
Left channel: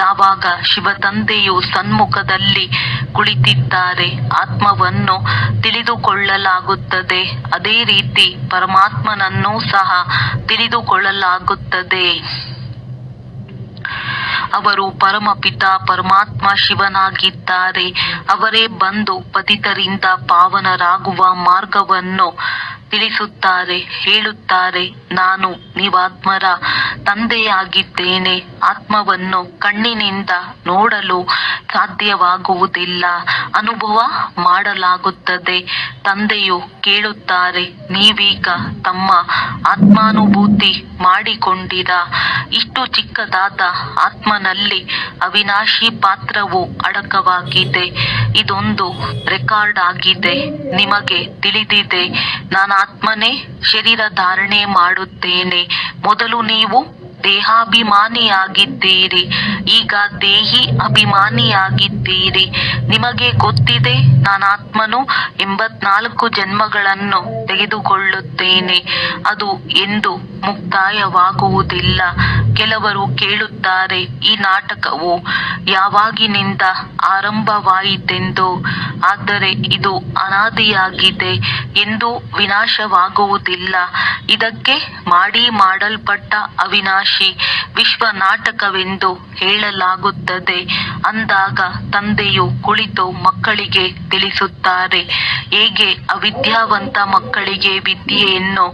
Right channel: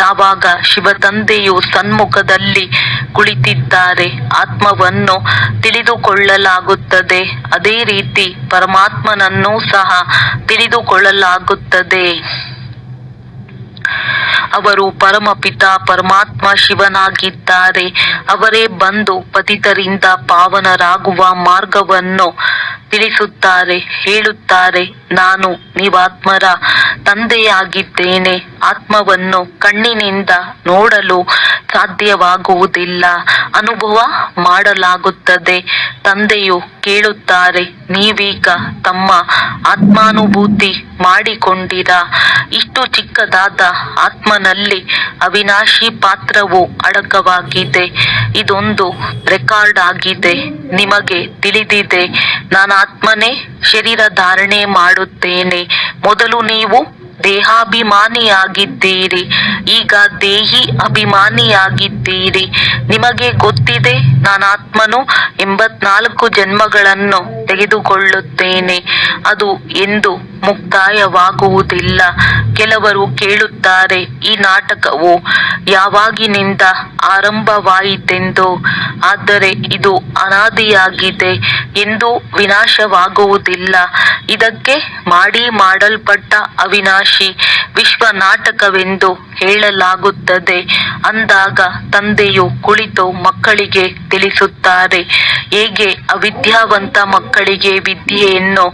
ಯಾವಾಗ ಶಿವ ತಂದೆಯು ಸನ್ಮುಖದಲ್ಲಿ ಕುಳಿತಿದ್ದಾರೆ, ಆತ್ಮವನ್ನು ತಿಳಿದುಕೊಳ್ಳಲಾಗುತ್ತದೆ. ಅದೇ ರೀತಿ ಪರಮಾತ್ಮನನ್ನೂ ಸಹ ತಿಳಿದುಕೊಳ್ಳಲಾಗುತ್ತದೆ. ಅವರು ಪರಮಪಿತ ಪರಮಾತ್ಮ ಶಿವನಾಗಿದ್ದಾರೆ. ಅವರೇ ಬಂದು ಪತಿತರಿಂದ ಪಾವನರಾಗುವ ಮಾರ್ಗವನ್ನು ತಿಳಿಸುತ್ತಾರೆ, ಹೇಳುತ್ತಾರೆ, ನಾನು ನೀವಾತ್ಮರ ತಂದೆಯಾಗಿದ್ದೇನೆ. ಆತ್ಮವನ್ನು ಕಣ್ಣಿನಿಂದ ನೋಡಲು ಸಾಧ್ಯವಾಗುವುದಿಲ್ಲ, ಅನುಭವ ಮಾಡಲಾಗುತ್ತದೆ. ತಂದೆಯು ಕೇಳುತ್ತಾರೆ, ನೀವೀಗ ತಮ್ಮ ಆತ್ಮಾನುಭೂತಿ ಮಾಡಿಕೊಂಡಿರ. ಇಷ್ಟು ಚಿಕ್ಕದಾದ ಆತ್ಮನಲ್ಲಿ ಅವಿನಾಶಿ ಪಾತ್ರವು ಅಡಕವಾಗಿದೆ. ಇದೊಂದು ರೆಕಾರ್ಡ್ ಆಗಿದೆ. ನಿಮಗೆ ತಿಳಿದಿದೆ, ನಾನಾತ್ಮನೇ ಶರೀರ ಧಾರಣೆ ಮಾಡುತ್ತೇನೆ. ಮೊದಲು ನೀವು ದೇಹಾಭಿಮಾನಿಯಾಗಿದ್ದೀರಿ, ಈಗ ದೇಹಿ ಅಭಿಮಾನಿಯಾಗಿದ್ದೀರಿ. ನಿಮಗೆ ಗೊತ್ತಿದೆ, ನಾನಾತ್ಮನು 84 ಜನ್ಮಗಳನ್ನು ತೆಗೆದುಕೊಳ್ಳುತ್ತೇನೆ. ಅದು ಎಂದು ಮುಕ್ತಾಯವಾಗುವುದಿಲ್ಲ. ಕೆಲವರು ಕೇಳುತ್ತಾರೆ, ಈ ನಾಟಕವು ಯಾವಾಗಿನಿಂದ ಆರಂಭವಾಯಿತೆಂದು. ಆದರೆ ಇದು ಅನಾದಿಯಾಗಿದೆ ಎಂದು ವಿನಾಶವಾಗುವುದಿಲ್ಲ. ಇದಕ್ಕೆ ಮಾಡಲ್ಪಟ್ಟ ಅವಿನಾಶಿ ವಿಶ್ವ ನಾಟಕವೆಂದು ಹೇಳಲಾಗುತ್ತದೆ. ಅಂದಾಗ ತಂದೆಯು ಕುಳಿತು ಮಕ್ಕಳಿಗೆ ತಿಳಿಸುತ್ತಾರೆ, ಹೇಗೆ ಅವಿದ್ಯಾವಂತ ಮಕ್ಕಳಿಗೆ ವಿದ್ಯೆಯನ್ನು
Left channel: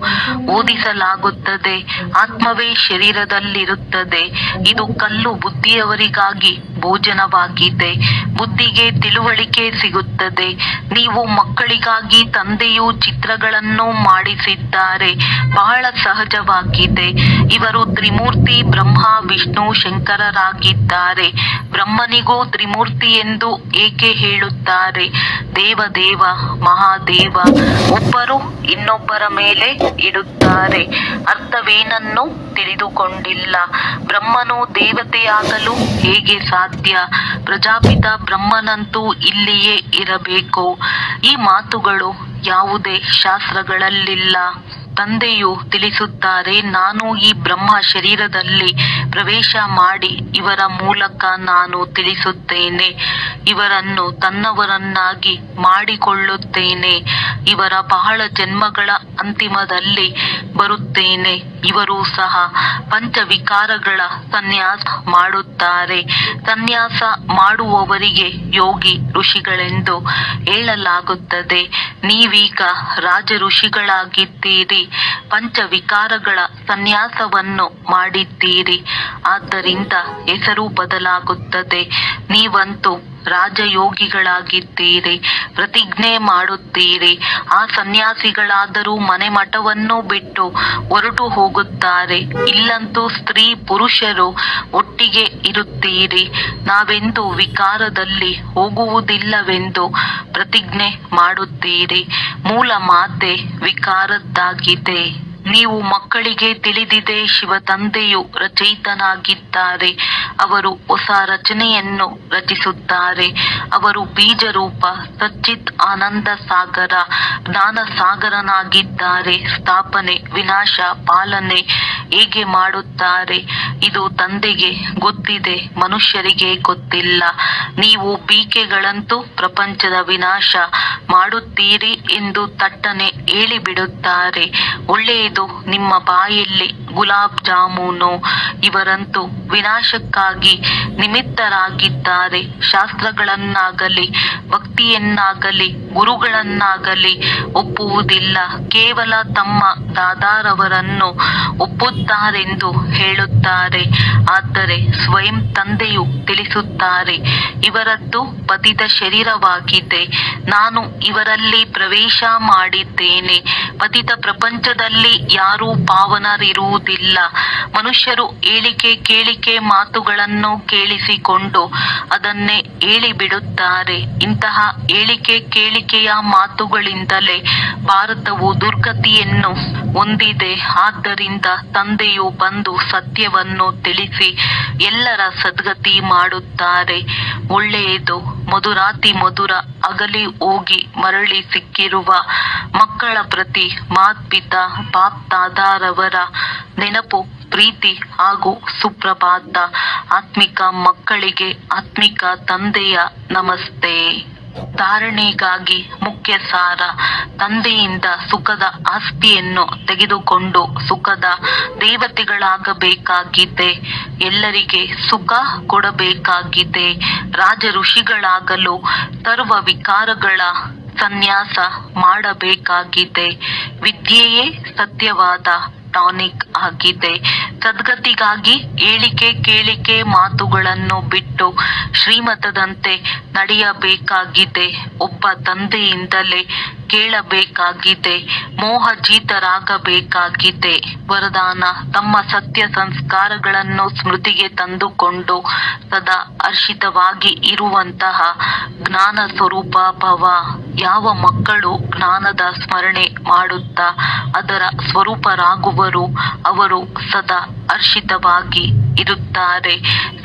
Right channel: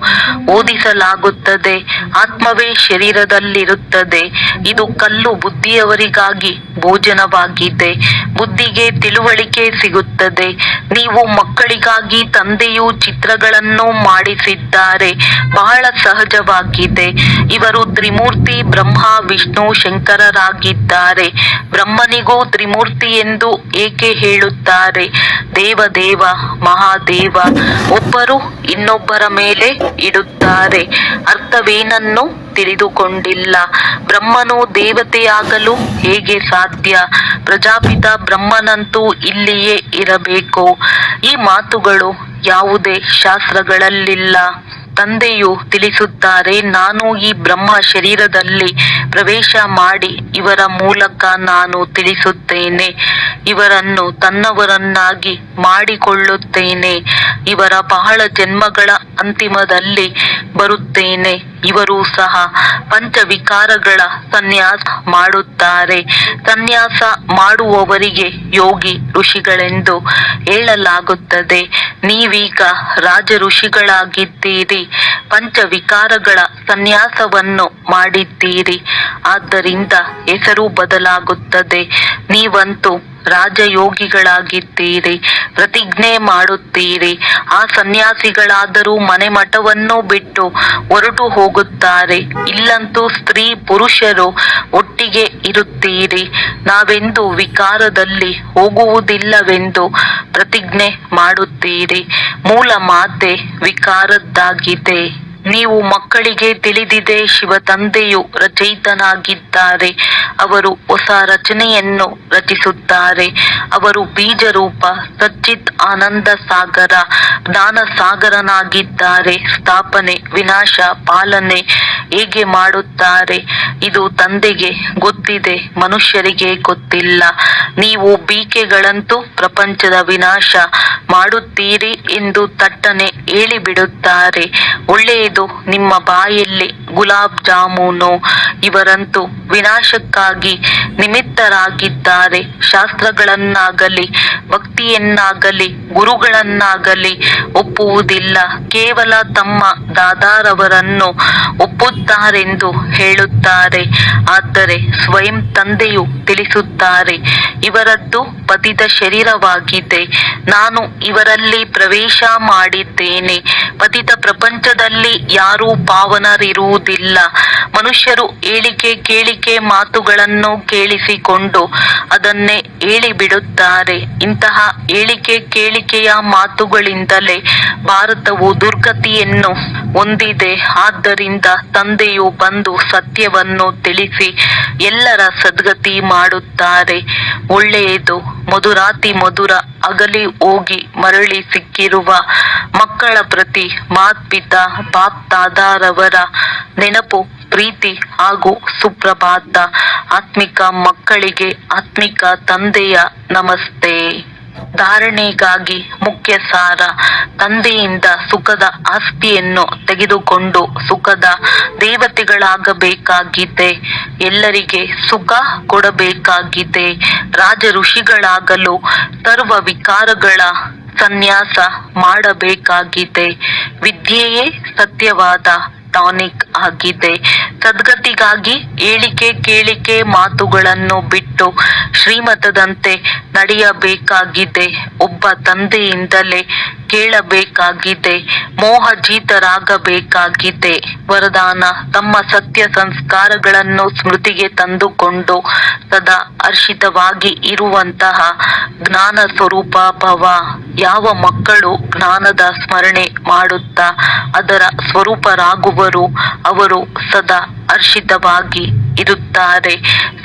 ಓದಿಸಲಾಗುತ್ತದೆ. ಆತ್ಮವೇ ಶರೀರದಲ್ಲಿರುತ್ತದೆ. ಇದು ಕಲ್ಲು ಬುದ್ಧಿಯವರಿಗಾಗಿ ಭೋಜನವಾಗಿದೆ. ಬುದ್ಧಿಗೆ ತಿಳುವಳಿಕೆ ಸಿಗುತ್ತದೆ. ನೀವು ಮಕ್ಕಳಿಗಾಗಿ ತಂದೆಯು ಚಿತ್ರಗಳನ್ನು ಮಾಡಿಸಿದ್ದಾರೆ. ಬಹಳ ಸಹಜವಾಗಿದೆ. ಇವರು ತ್ರಿಮೂರ್ತಿ ಬ್ರಹ್ಮ ವಿಷ್ಣು ಶಂಕರರಾಗಿದ್ದಾರೆ. ಬ್ರಹ್ಮನಿಗೂ ತ್ರಿಮೂರ್ತಿ ಎಂದು ಏಕೆ ಹೇಳುತ್ತಾರೆ? ದೇವದೇವ ಮಹಾದೇವ ಒಬ್ಬರು ಇನ್ನೊಬ್ಬರ ಮೇಲೆ ಇಡುತ್ತಾರೆ. ಅರ್ಥವೇನನ್ನು ತಿಳಿದುಕೊಂಡಿಲ್ಲ. ಬ್ರಹ್ಮನು ದೇವತೆಯಾಗಲು ಹೇಗೆ ಸಾಧ್ಯ? ಪ್ರಜಾಪಿತ ಬ್ರಹ್ಮನಂತೂ ಇಲ್ಲಿಯೇ ಇರಬೇಕು. ಈ ಮಾತುಗಳು ಯಾವುದೇ ಶಾಸ್ತ್ರಗಳಲ್ಲಿಲ್ಲ. ತಂದೆಯು ತಿಳಿಸುತ್ತಾರೆ, ನಾನು ಈ ಬ್ರಹ್ಮ ಶರೀರದಲ್ಲಿ ಪ್ರವೇಶ ಮಾಡಿ ಇವರ ಮೂಲಕ ನಾನು ತಿಳಿಸುತ್ತೇನೆ. ಇವರನ್ನು ತನ್ನವರನ್ನಾಗಿ ಮಾಡಿಕೊಳ್ಳುತ್ತೇನೆ. ಇವರ ಬಹಳ ಜನ್ಮಗಳ ಅಂತಿಮದಲ್ಲಿ ಬರುತ್ತೇನೆ. ಇವರು ಸಹ ಪಂಚವಿಕಾರಗಳ ಸನ್ಯಾಸ ಮಾಡುತ್ತಾರೆ. ಸನ್ಯಾಸ ಮಾಡುವವರಿಗೆ ಯೋಗಿ ಋಷಿಗಳೆಂದು ಹೇಳಲಾಗುತ್ತದೆ. ನೀವೀಗ ರಾಜ ಋಷಿಗಳಾಗಿದ್ದೀರಿ. ಪಂಚವಿಕಾರಗಳ ಸನ್ಯಾಸವನ್ನು ಮಾಡಿದ್ದೀರಿ. ಆದ್ದರಿಂದ ಹೆಸರು ಬದಲಾಗುತ್ತದೆ. ನೀವಂತೂ ರಾಜಯೋಗಿಗಳಾಗಿದ್ದೀರಿ. ಪ್ರತಿಜ್ಞೆ ಮಾಡುತ್ತೀರಿ. ಆ ಸನ್ಯಾಸಿಗಳಾದರೂ ಮನೆ ಮಠವನ್ನು ಬಿಟ್ಟು ಹೊರಟು ಹೋಗುತ್ತಾರೆ. ಇಲ್ಲಂತೂ ಸ್ತ್ರೀ ಪುರುಷರು ಒಟ್ಟಿಗೆ ಇರುತ್ತೀರಿ. ನಾವೆಂದು ವಿಕಾರದಲ್ಲಿ ಹೋಗುವುದಿಲ್ಲವೆಂದು ಪ್ರತಿಜ್ಞೆ ಮಾಡುತ್ತೀರಿ. ಮೂಲ ಮಾತೆ ವಿಕಾರದ್ದಾಗಿದೆ. ನೀವು ಮಕ್ಕಳಿಗೆ ತಿಳಿದಿದೆ, ಶಿವ ತಂದೆಯು ರಚಯಿತನಾಗಿದ್ದಾರೆ. ಅವರು ಹೊಸ ರಚನೆಯನ್ನು ರಚಿಸುತ್ತಾರೆ. ಅವರು ಬೀಜರೂಪ ಸಚ್ಚಿತ್ ಆನಂದ ಸಾಗರ ಜ್ಞಾನ ಸಾಗರನಾಗಿದ್ದಾರೆ. ಸ್ಥಾಪನೆ ವಿನಾಶ ಪಾಲನೆ ಹೇಗೆ ಮಾಡುತ್ತಾರೆ ಇದು ತಂದೆಗೆ ಗೊತ್ತಿದೆ, ಮನುಷ್ಯರಿಗೆ ಗೊತ್ತಿಲ್ಲ. ನೀವು ಬೀಕೆಗಳಂತೂ ಪ್ರಪಂಚದ ವಿನಾಶ ಮಾಡುತ್ತೀರಿ ಎಂದು ತಟ್ಟನೆ ಹೇಳಿಬಿಡುತ್ತಾರೆ. ಒಳ್ಳೆಯದು, ನಿಮ್ಮ ಬಾಯಲ್ಲಿ ಗುಲಾಬ್ ಜಾಮೂನು. ಇವರಂತೂ ವಿನಾಶಕ್ಕಾಗಿ ನಿಮಿತ್ತರಾಗಿದ್ದಾರೆ. ಶಾಸ್ತ್ರಗಳನ್ನಾಗಲಿ ಭಕ್ತಿಯನ್ನಾಗಲಿ ಗುರುಗಳನ್ನಾಗಲಿ ಒಪ್ಪುವುದಿಲ್ಲ. ಕೇವಲ ತಮ್ಮ ದಾದಾರವರನ್ನು ಒಪ್ಪುತ್ತಾರೆಂದು ಹೇಳುತ್ತಾರೆ. ಆದರೆ ಸ್ವಯಂ ತಂದೆಯು ತಿಳಿಸುತ್ತಾರೆ, ಇವರದ್ದು ಪತಿತ ಶರೀರವಾಗಿದೆ. ನಾನು ಇವರಲ್ಲಿ ಪ್ರವೇಶ ಮಾಡಿದ್ದೇನೆ. ಪತಿತ ಪ್ರಪಂಚದಲ್ಲಿ ಯಾರೂ ಪಾವನರಿರುವುದಿಲ್ಲ. ಮನುಷ್ಯರು ಹೇಳಿಕೆ ಕೇಳಿಕೆ ಮಾತುಗಳನ್ನು ಕೇಳಿಸಿಕೊಂಡು ಅದನ್ನೇ ಹೇಳಿಬಿಡುತ್ತಾರೆ. ಇಂತಹ ಹೇಳಿಕೆ ಕೇಳಿಕೆಯ ಮಾತುಗಳಿಂದಲೇ ಭಾರತವು ದುರ್ಗತಿಯನ್ನು ಹೊಂದಿದೆ. ಆದ್ದರಿಂದ ತಂದೆಯು ಬಂದು ಸತ್ಯವನ್ನು ತಿಳಿಸಿ ಎಲ್ಲರ ಸದ್ಗತಿ ಮಾಡುತ್ತಾರೆ. ಒಳ್ಳೆಯದು, ಮಧುರಾತಿ ಮಧುರ ಅಗಲಿ ಹೋಗಿ ಮರಳಿ ಸಿಕ್ಕಿರುವ ಮಕ್ಕಳ ಪ್ರತಿ ಮಾತ್ಪಿತಾ ಬಾಪ್ ದಾದಾರವರ ನೆನಪು, ಪ್ರೀತಿ ಹಾಗೂ ಸುಪ್ರಭಾತ. ಆತ್ಮಿಕ ಮಕ್ಕಳಿಗೆ ಆತ್ಮಿಕ ತಂದೆಯ ನಮಸ್ತೆ. ಧಾರಣೆಗಾಗಿ ಮುಖ್ಯ ಸಾರ. ತಂದೆಯಿಂದ ಸುಖದ ಆಸ್ತಿಯನ್ನು ತೆಗೆದುಕೊಂಡು ಸುಖದ ದೇವತೆಗಳಾಗಬೇಕಾಗಿದೆ. ಎಲ್ಲರಿಗೆ ಸುಖ ಕೊಡಬೇಕಾಗಿದೆ. ರಾಜ ಋಷಿಗಳಾಗಲು ಸರ್ವ ವಿಕಾರಗಳ ಸನ್ಯಾಸ ಮಾಡಬೇಕಾಗಿದೆ. ವಿದ್ಯೆಯೇ ಸತ್ಯವಾದ ಟಾನಿಕ್ ಆಗಿದೆ. ಸದ್ಗತಿಗಾಗಿ ಏಳಿಕೆ ಕೇಳಿಕೆ ಮಾತುಗಳನ್ನು ಬಿಟ್ಟು ಶ್ರೀಮತದಂತೆ ನಡೆಯಬೇಕಾಗಿದೆ. ಒಬ್ಬ ತಂದೆಯಿಂದಲೇ ಕೇಳಬೇಕಾಗಿದೆ. ಮೋಹಜೀತರಾಗಬೇಕಾಗಿದೆ. ವರದಾನ: ತಮ್ಮ ಸತ್ಯ ಸಂಸ್ಕಾರಗಳನ್ನು ಸ್ಮೃತಿಗೆ ತಂದುಕೊಂಡು ಸದಾ ಹರ್ಷಿತವಾಗಿ ಇರುವಂತಹ ಜ್ಞಾನ ಸ್ವರೂಪ ಭವ. ಯಾವ ಮಕ್ಕಳು ಜ್ಞಾನದ ಸ್ಮರಣೆ ಮಾಡುತ್ತಾ ಅದರ ಸ್ವರೂಪರಾಗುವರು ಅವರು ಸದಾ ಹರ್ಷಿತವಾಗಿ ಇರುತ್ತಾರೆ.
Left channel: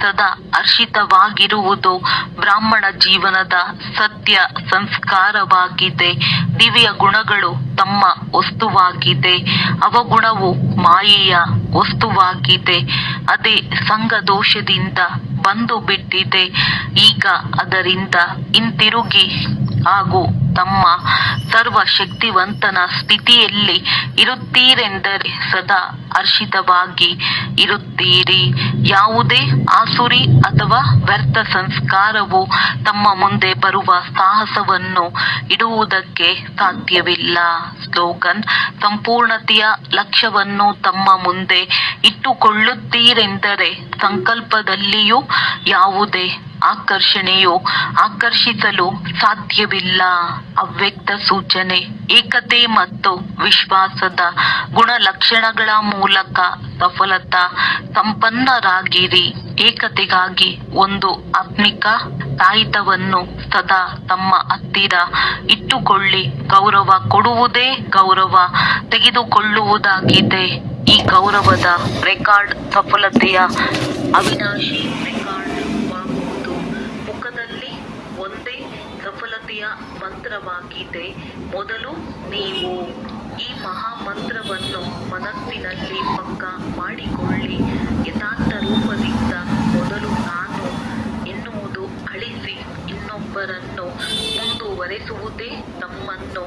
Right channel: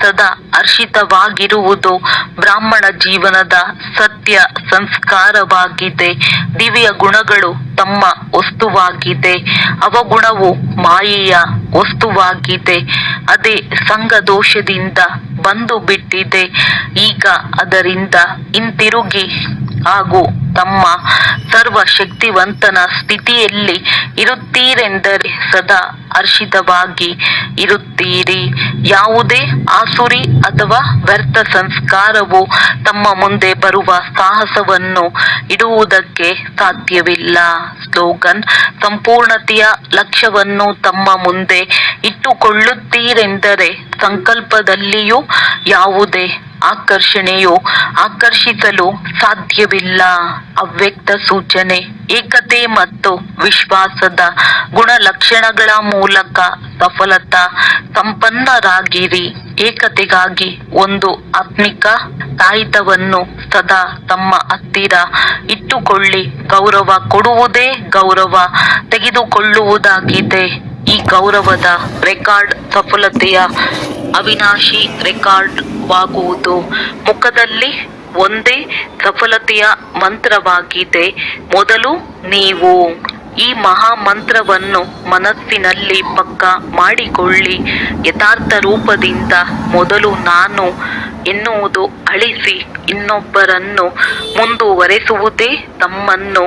ಸದಾ ಹರ್ಷಿತವಾಗಿರುವುದು ಬ್ರಾಹ್ಮಣ ಜೀವನದ ಸತ್ಯ ಸಂಸ್ಕಾರವಾಗಿದೆ. ದಿವ್ಯ ಗುಣಗಳು ತಮ್ಮ ವಸ್ತುವಾಗಿದೆ. ಅವಗುಣವು ಮಾಯೆಯ ವಸ್ತುವಾಗಿದೆ. ಅದೇ ಸಂಘ ದೋಷದಿಂದ ಬಂದು ಬಿಟ್ಟಿದೆ. ಈಗ ಅದರಿಂದ ಹಿಂತಿರುಗಿ ಹಾಗೂ ತಮ್ಮ ಸರ್ವಶಕ್ತಿವಂತನ ಸ್ಥಿತಿಯಲ್ಲಿ ಇರುತ್ತೀರೆಂದರೆ ಸದಾ ಹರ್ಷಿತವಾಗಿ ಇರುತ್ತೀರಿ. ಯಾವುದೇ ಆಸುರಿ ಅಥವಾ ವ್ಯರ್ಥ ಸಂಸ್ಕಾರವು ತಮ್ಮ ಮುಂದೆ ಬರುವ ಸಾಹಸವನ್ನು ಇಡುವುದಕ್ಕೆ ಸಾಧ್ಯವಿಲ್ಲ. ಸ್ಲೋಗನ್: ಸಂಪೂರ್ಣತೆಯ ಲಕ್ಷ್ಯವನ್ನು ತಮ್ಮ ಮುಂದೆ ಇಟ್ಟುಕೊಳ್ಳುತ್ತೀರೆಂದರೆ ಸಂಕಲ್ಪದಲ್ಲಿಯೂ ಯಾವುದೇ ಆಕರ್ಷಣೆಯು ಆಕರ್ಷಿಸಲು ಸಾಧ್ಯವಿಲ್ಲ. ಅವ್ಯಕ್ತ ಸೂಚನೆ: ಏಕತೆ ಮತ್ತು ವಿಶ್ವಾಸದ ಗುಣಲಕ್ಷಣಗಳ ಮೂಲಕ ಸಫಲತಾ ಸಂಪನ್ನರಾಗಿರಿ. ಏಕತೆಗಾಗಿ ಒಂದು ಆತ್ಮಿಕ ತಾಯಿತವನ್ನು ಸದಾ ತಮ್ಮ ಹತ್ತಿರ ಇಟ್ಟುಕೊಳ್ಳಿ. ಗೌರವ ಕೊಡುವುದೇ ಗೌರವ ತೆಗೆದುಕೊಳ್ಳುವುದಾಗಿದೆ. ಈ ಗೌರವದ ರೆಕಾರ್ಡ್ ಸಫಲತೆಯ ಅವಿನಾಶಿ ರೆಕಾರ್ಡ್ ವಾಗುವುದು. ಮುಖದಲ್ಲಿ ಒಂದೇ ಸಫಲತೆಯ ಮಂತ್ರವಾಗಿದೆ. ಮೊದಲು ನೀವು ಈ ಮಹಾ ಮಂತ್ರವನ್ನು ಮನಸ್ಸಿನಲ್ಲಿ ಪಕ್ಕಾ ಮಾಡಿಕೊಳ್ಳಿ. ಯಥಾರ್ಥ ರೂಪದಿಂದ ಮೊದಲು ನಾನು ಎನ್ನುವುದು ಅಳಿಸಿ ಇನ್ನೊಬ್ಬರನ್ನು ಮುಂದುವರೆಸುವುದೇ ತಮ್ಮನ್ನು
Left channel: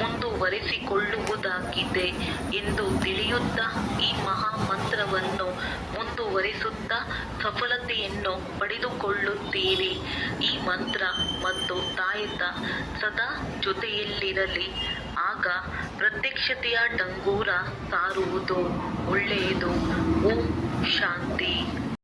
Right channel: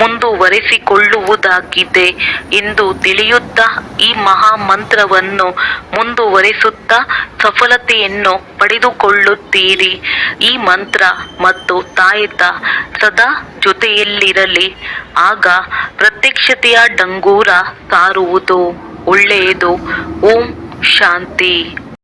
ಮುಂದುವರೆಸಿಕೊಳ್ಳುವುದಾಗಿದೆ ಎಂದು ತಿಳಿಯುತ್ತಾ ಈ ಮಹಾ ಮಂತ್ರವನ್ನು ಮುಂದುವರೆಸುತ್ತಾ ಸಫಲತೆಯನ್ನು ಪಡೆದುಕೊಳ್ಳುತ್ತೀರಿ. ಈ ಮಂತ್ರ ಮತ್ತು ತಾಯತ ಸದಾ ಜೊತೆಯಲ್ಲಿರಲಿ. ಆಗ ಪ್ರತ್ಯಕ್ಷತೆಯ ಡಂಗೂರ ಸಾರುವುದು. ಒಳ್ಳೆಯದು. ಓಂ ಶಾಂತಿ.